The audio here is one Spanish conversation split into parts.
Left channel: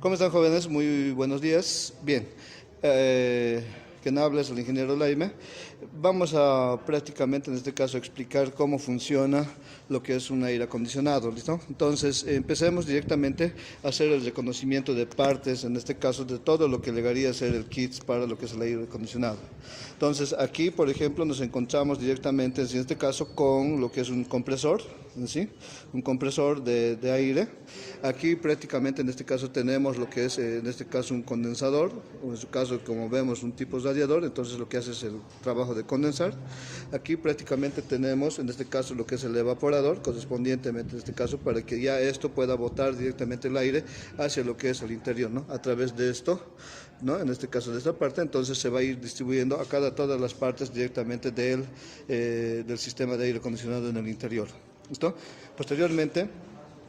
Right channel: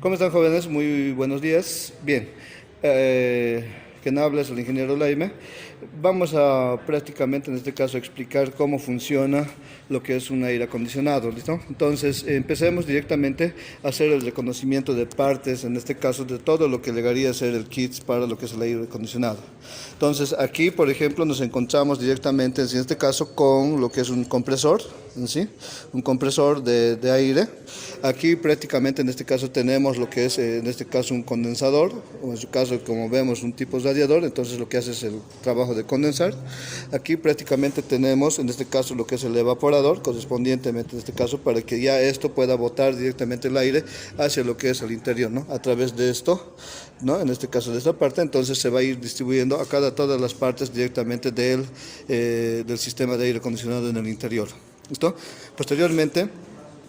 ¿Cómo están, jóvenes? Muy buenos días. Bien, quien habla es el ingeniero Laime. Vamos a prácticamente en este caso explicar cómo funciona lo que es un aire acondicionado, ¿listo? Entonces, empecemos directamente a hacer el reconocimiento de partes, en este caso de todo lo que llegaría a ser el kit para lo que es el aire acondicionado. Entonces, aquí, por ejemplo, nos encontramos directamente, en este caso, con lo que es un compresor, ¿sí? Un compresor de aire. Aquí prácticamente en este caso tenemos lo que es en este caso un condensador, o en su caso como vemos un tipo radiador, entonces lo que hace es el trabajo de condensar. Aquí prácticamente tenemos en este caso lo que es el evaporador correspondientemente en este caso para que ya esto pueda botar directamente el aire hacia lo que es el interior, ¿no? A través de esto, ¿no? En este caso de esta parte, entonces se va a ir distribuyendo a todas las partes directamente del sistema de aire acondicionado en el interior. ¿Listo? Posteriormente,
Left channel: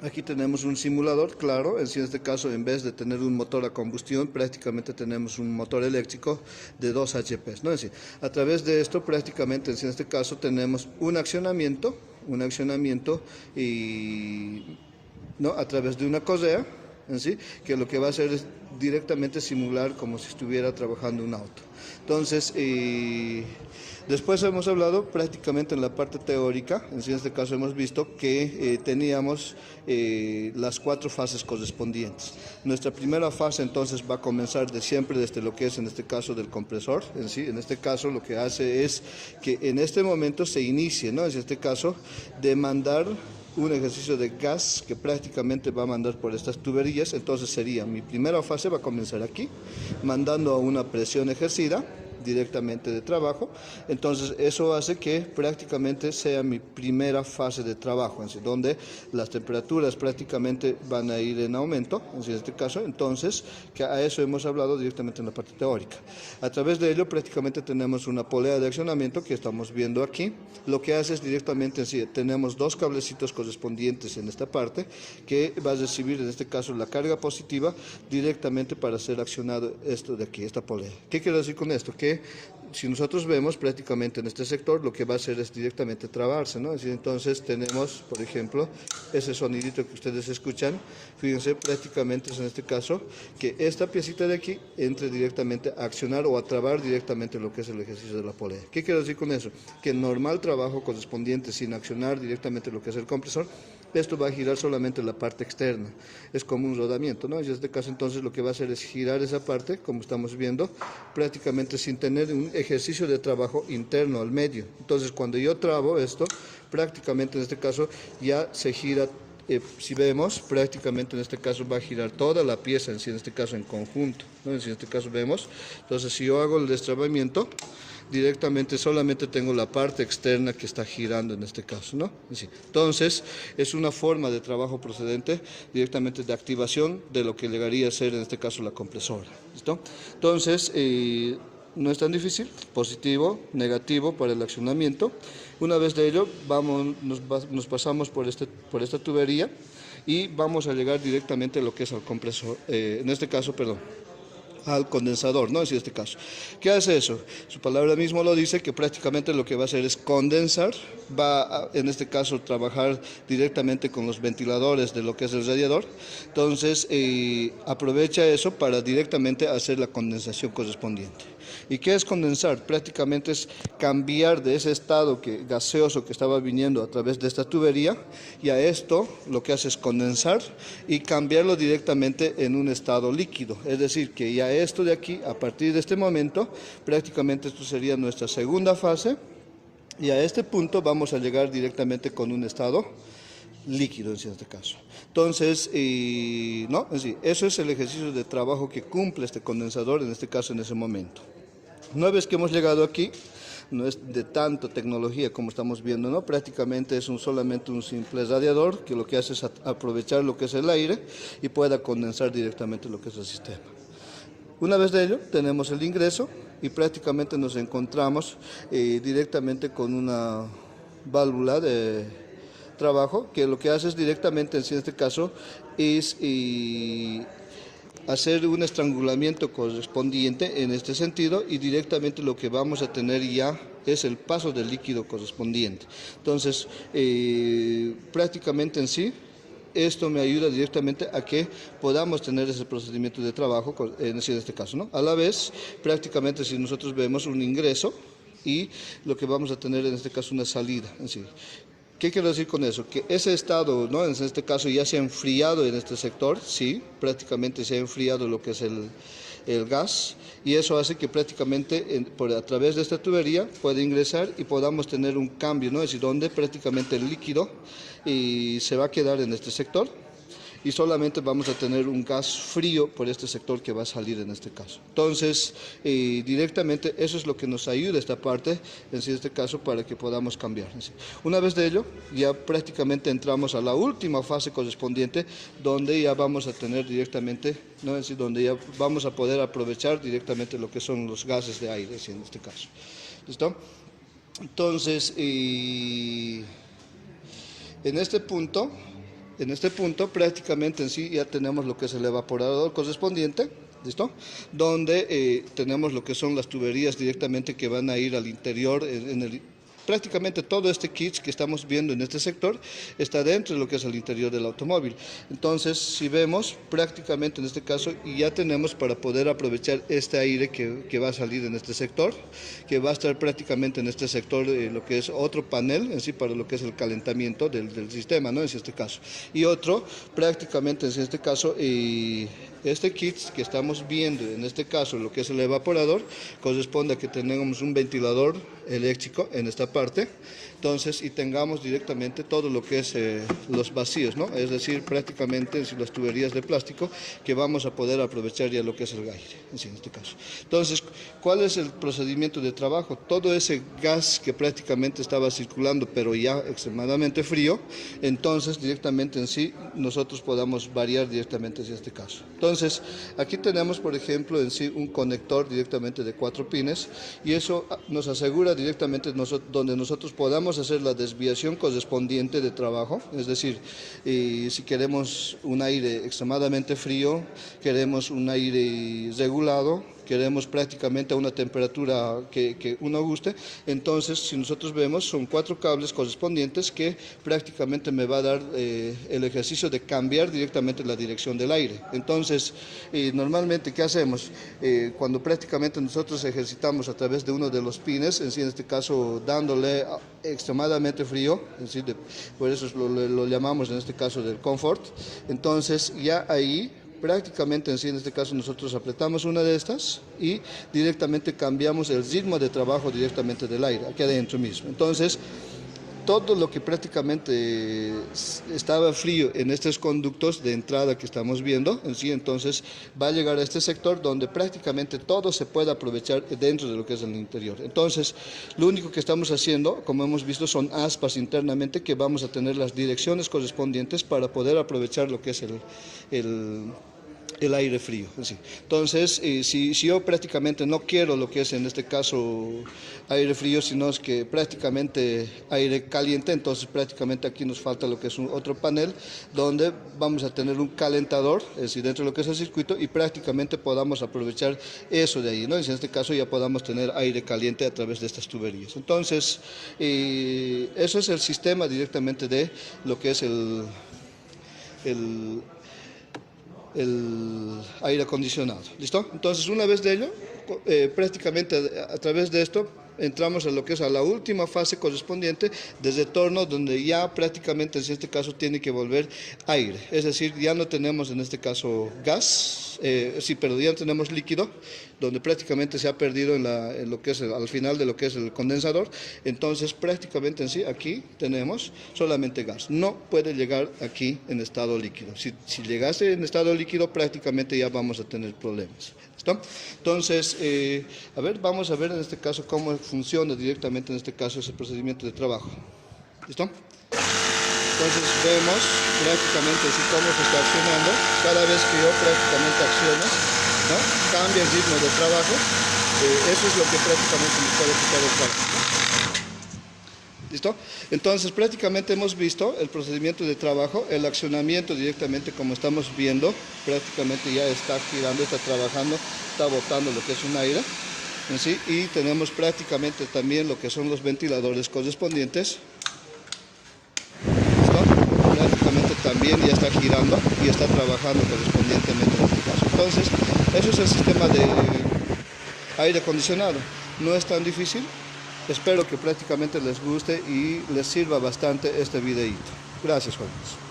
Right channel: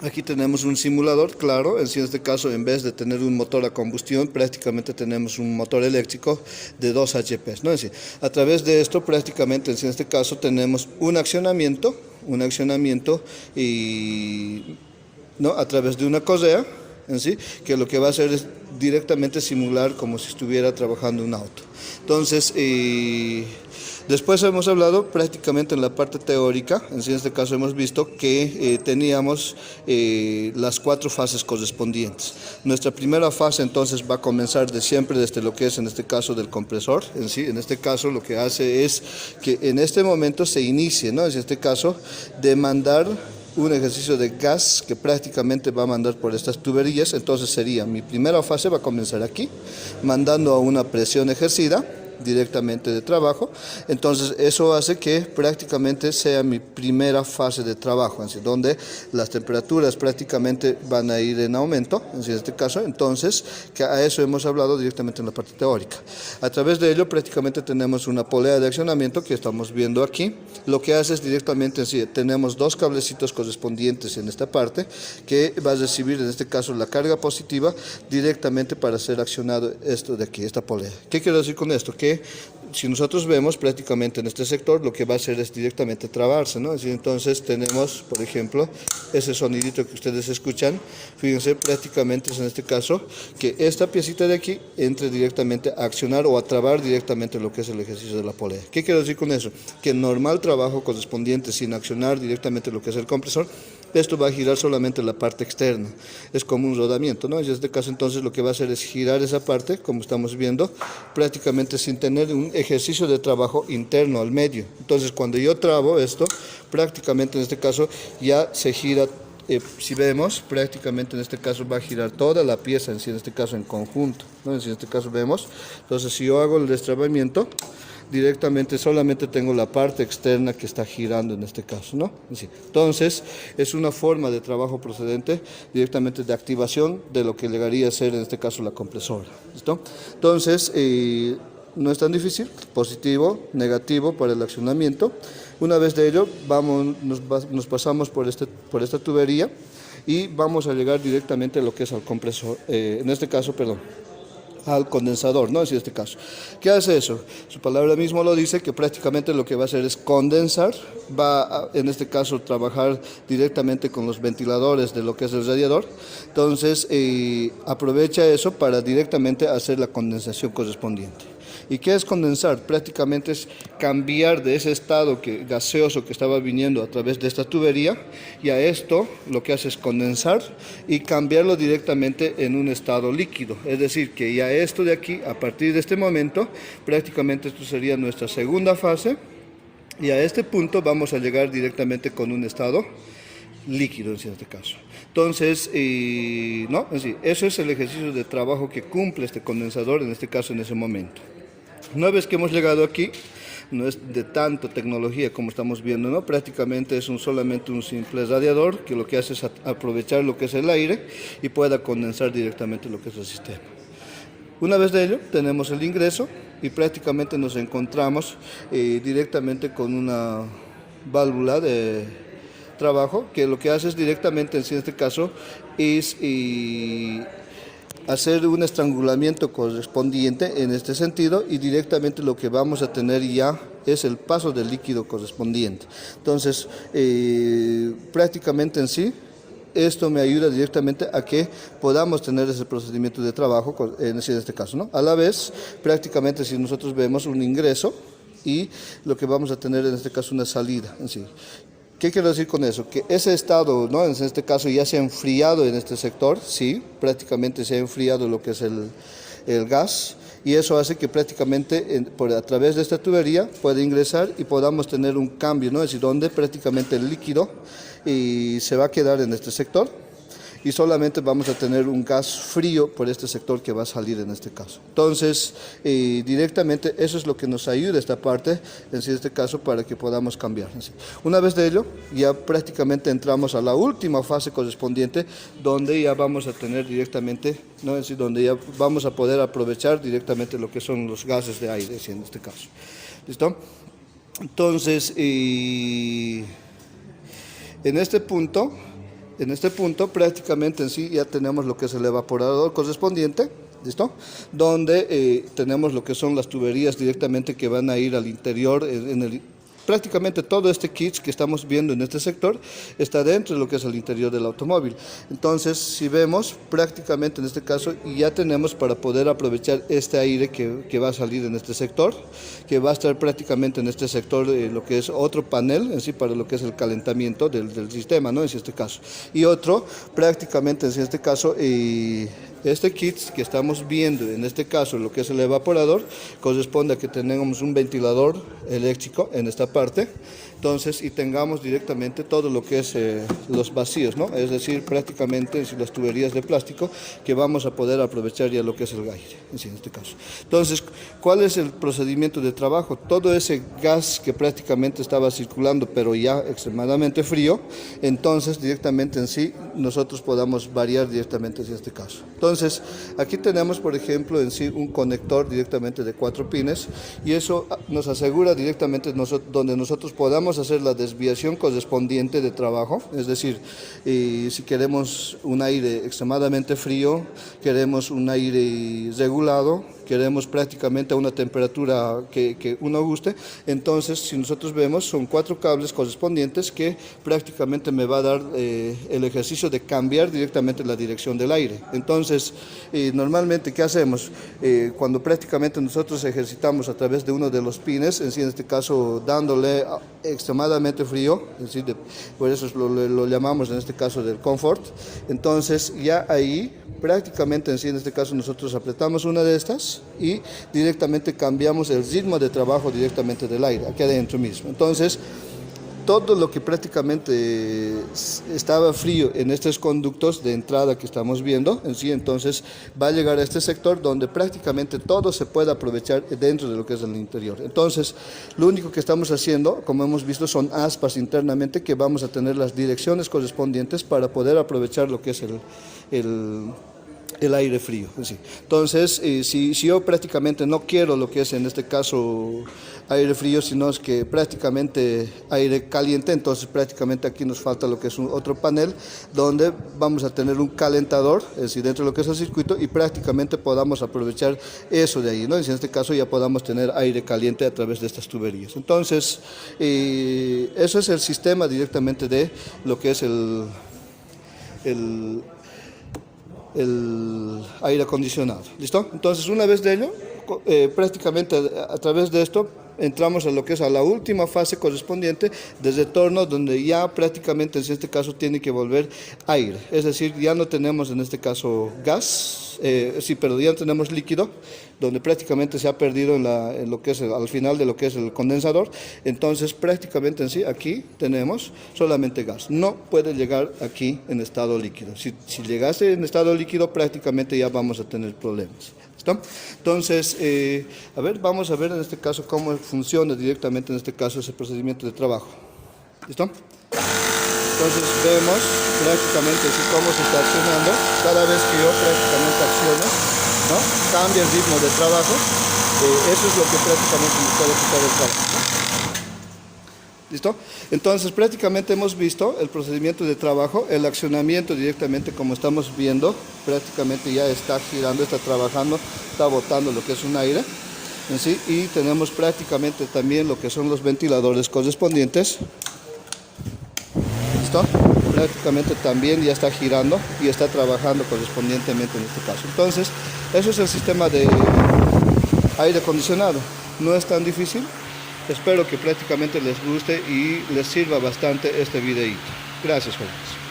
aquí tenemos un simulador, claro, en este caso en vez de tener un motor a combustión, prácticamente tenemos un motor eléctrico de 2 HP, ¿no? Es decir, a través de esto prácticamente en este caso tenemos un accionamiento y, ¿no? A través de una correa, en sí, que lo que va a hacer es directamente simular como si estuviera trabajando un auto. Entonces, después hemos hablado prácticamente en la parte teórica, en este caso hemos visto que teníamos las 4 fases correspondientes. Nuestra primera fase entonces va a comenzar de siempre desde lo que es en este caso del compresor, en sí, en este caso lo que hace es que en este momento se inicie, ¿no? En este caso de mandar un ejercicio de gas que prácticamente va a mandar por estas tuberías. Entonces sería mi primera fase, va a comenzar aquí mandando a una presión ejercida directamente de trabajo. Entonces eso hace que prácticamente sea mi primera fase de trabajo, así, donde las temperaturas prácticamente van a ir en aumento, en este caso. Entonces, que a eso hemos hablado directamente en la parte teórica. A través de ello prácticamente tenemos una polea de accionamiento que estamos viendo aquí. Lo que hace es directamente en sí, tenemos 2 cablecitos correspondientes en esta parte que va a recibir en este caso la carga positiva directamente para ser accionado esto de aquí, esta polea. ¿Qué quiero decir con esto? Que si nosotros vemos prácticamente en este sector lo que va a hacer es directamente trabarse, ¿no? Así, entonces tenemos, por ejemplo, ese sonidito que ustedes escuchan, fíjense, prácticamente es en este caso que esta piecita de aquí entre directamente a accionar o a trabar directamente lo que es el ejercicio de la polea. ¿Qué quiero decir con eso? Que normal trabajo correspondiente sin accionar directamente lo que es el compresor, esto va a girar solamente la parte externa, es como un rodamiento, ¿no? En este caso entonces lo que va a hacer es girar esa parte, como estamos viendo, prácticamente sin tener un ejercicio de trabajo interno al medio. Entonces cuando yo trabo esto, prácticamente en este caso ya se gira. Si vemos, prácticamente en este caso va a girar toda la pieza, en este caso en conjunto, ¿no? En este caso vemos, entonces si yo hago el destrabamiento, directamente solamente tengo la parte externa que está girando en este caso, ¿no? Entonces, es una forma de trabajo procedente directamente de activación de lo que llegaría a ser en este caso la compresora, ¿listo? Entonces, no es tan difícil, positivo, negativo para el accionamiento. Una vez de ello, nos pasamos por esta tubería y vamos a llegar directamente a lo que es al compresor, en este caso, perdón, al condensador, ¿no? En este caso. ¿Qué hace eso? Su palabra mismo lo dice, que prácticamente lo que va a hacer es condensar, va a, en este caso, trabajar directamente con los ventiladores de lo que es el radiador. Entonces, aprovecha eso para directamente hacer la condensación correspondiente. ¿Y qué es condensar? Prácticamente es cambiar de ese estado gaseoso que estaba viniendo a través de esta tubería, y a esto lo que hace es condensar y cambiarlo directamente en un estado líquido. Es decir, que ya esto de aquí, a partir de este momento, prácticamente esto sería nuestra segunda fase, y a este punto vamos a llegar directamente con un estado líquido en este caso. Entonces, no, es decir, eso es el ejercicio de trabajo que cumple este condensador, en este caso en ese momento. Una vez que hemos llegado aquí, no es de tanta tecnología como estamos viendo, ¿no? Prácticamente es solamente un simple radiador que lo que hace es aprovechar lo que es el aire y pueda condensar directamente lo que es el sistema. Una vez de ello, tenemos el ingreso y prácticamente nos encontramos directamente con una válvula de trabajo que lo que hace es directamente, en este caso, es hacer un estrangulamiento correspondiente en este sentido, y directamente lo que vamos a tener ya es el paso del líquido correspondiente. Entonces, prácticamente en sí, esto me ayuda directamente a que podamos tener ese procedimiento de trabajo, en este caso, ¿no? A la vez, prácticamente si nosotros vemos un ingreso y lo que vamos a tener en este caso una salida en sí. ¿Qué quiero decir con eso? Que ese estado, ¿no? En este caso ya se ha enfriado en este sector, sí, prácticamente se ha enfriado lo que es el gas, y eso hace que prácticamente a través de esta tubería pueda ingresar y podamos tener un cambio, ¿no? Es decir, donde prácticamente el líquido se va a quedar en este sector y solamente vamos a tener un gas frío por este sector que va a salir en este caso. Entonces, directamente eso es lo que nos ayuda esta parte, en este caso, para que podamos cambiar. Una vez de ello, ya prácticamente entramos a la última fase correspondiente, donde ya vamos a tener directamente, ¿no? Es decir, donde ya vamos a poder aprovechar directamente lo que son los gases de aire, en este caso. ¿Listo? Entonces, en este punto prácticamente en sí ya tenemos lo que es el evaporador correspondiente, ¿listo? Donde tenemos lo que son las tuberías directamente que van a ir al interior, prácticamente todo este kit que estamos viendo en este sector está dentro de lo que es el interior del automóvil. Entonces, si vemos, prácticamente en este caso ya tenemos para poder aprovechar este aire que va a salir en este sector, que va a estar prácticamente en este sector, lo que es otro panel en sí para lo que es el calentamiento del sistema, ¿no? En este caso. Y otro, prácticamente en este caso, este kit que estamos viendo, en este caso lo que es el evaporador, corresponde a que tengamos un ventilador eléctrico en esta parte, entonces, y tengamos directamente todo lo que es los vacíos, ¿no? Es decir, prácticamente las tuberías de plástico que vamos a poder aprovechar ya lo que es el aire, en este caso. Entonces, ¿cuál es el procedimiento de trabajo? Todo ese gas que prácticamente estaba circulando, pero ya extremadamente frío, entonces directamente en sí nosotros podamos variar directamente en este caso. Entonces, aquí tenemos, por ejemplo, en sí un conector directamente de 4 pines, y eso nos asegura directamente donde nosotros podamos hacer la desviación correspondiente de trabajo, es decir, si queremos un aire extremadamente frío, queremos un aire regulado, queremos prácticamente a una temperatura que uno guste, entonces si nosotros vemos son 4 cables correspondientes que prácticamente me va a dar el ejercicio de cambiar directamente la dirección del aire. Entonces, normalmente, ¿qué hacemos? Cuando prácticamente nosotros ejercitamos a través de uno de los pines, en este caso dándole extremadamente frío, es decir, por eso lo llamamos en este caso del confort, entonces ya ahí prácticamente en este caso nosotros apretamos una de estas y directamente cambiamos el ritmo de trabajo directamente del aire, aquí adentro mismo. Entonces, todo lo que prácticamente estaba frío en estos conductos de entrada que estamos viendo, entonces va a llegar a este sector donde prácticamente todo se puede aprovechar dentro de lo que es el interior. Entonces, lo único que estamos haciendo, como hemos visto, son aspas internamente que vamos a tener las direcciones correspondientes para poder aprovechar lo que es el aire frío. ¿Sí? Entonces, si yo prácticamente no quiero lo que es en este caso aire frío, sino es que prácticamente aire caliente, entonces prácticamente aquí nos falta lo que es otro panel donde vamos a tener un calentador, es decir, dentro de lo que es el circuito, y prácticamente podamos aprovechar eso de ahí, ¿no? Y en este caso ya podamos tener aire caliente a través de estas tuberías. Entonces, eso es el sistema directamente de lo que es el aire acondicionado. ¿Listo? Entonces, una vez de ello, prácticamente a través de esto entramos a lo que es a la última fase correspondiente de retorno, donde ya prácticamente en este caso tiene que volver aire, es decir, ya no tenemos en este caso gas, pero ya tenemos líquido, donde prácticamente se ha perdido en lo que es al final de lo que es el condensador. Entonces prácticamente en sí aquí tenemos solamente gas, no puede llegar aquí en estado líquido. Si llegase en estado líquido prácticamente ya vamos a tener problemas. ¿Listo? Entonces, vamos a ver en este caso cómo funciona directamente en este caso ese procedimiento de trabajo. ¿Listo? Entonces vemos prácticamente así cómo se está accionando. Cada vez que yo prácticamente acciono, ¿no? Cambia el ritmo de trabajo. Eso es lo que prácticamente me puede quitar el trabajo. ¿Listo? Entonces prácticamente hemos visto el procedimiento de trabajo, el accionamiento directamente como estamos viendo, prácticamente ya está girando, está trabajando, está botando lo que es un aire en sí, y tenemos prácticamente también lo que son los ventiladores correspondientes. ¿Listo? Prácticamente automáticamente también ya está girando y está trabajando correspondientemente en este caso. Entonces, eso es el sistema de aire acondicionado. No es tan difícil. Espero que prácticamente les guste y les sirva bastante este videíto. Gracias, jóvenes.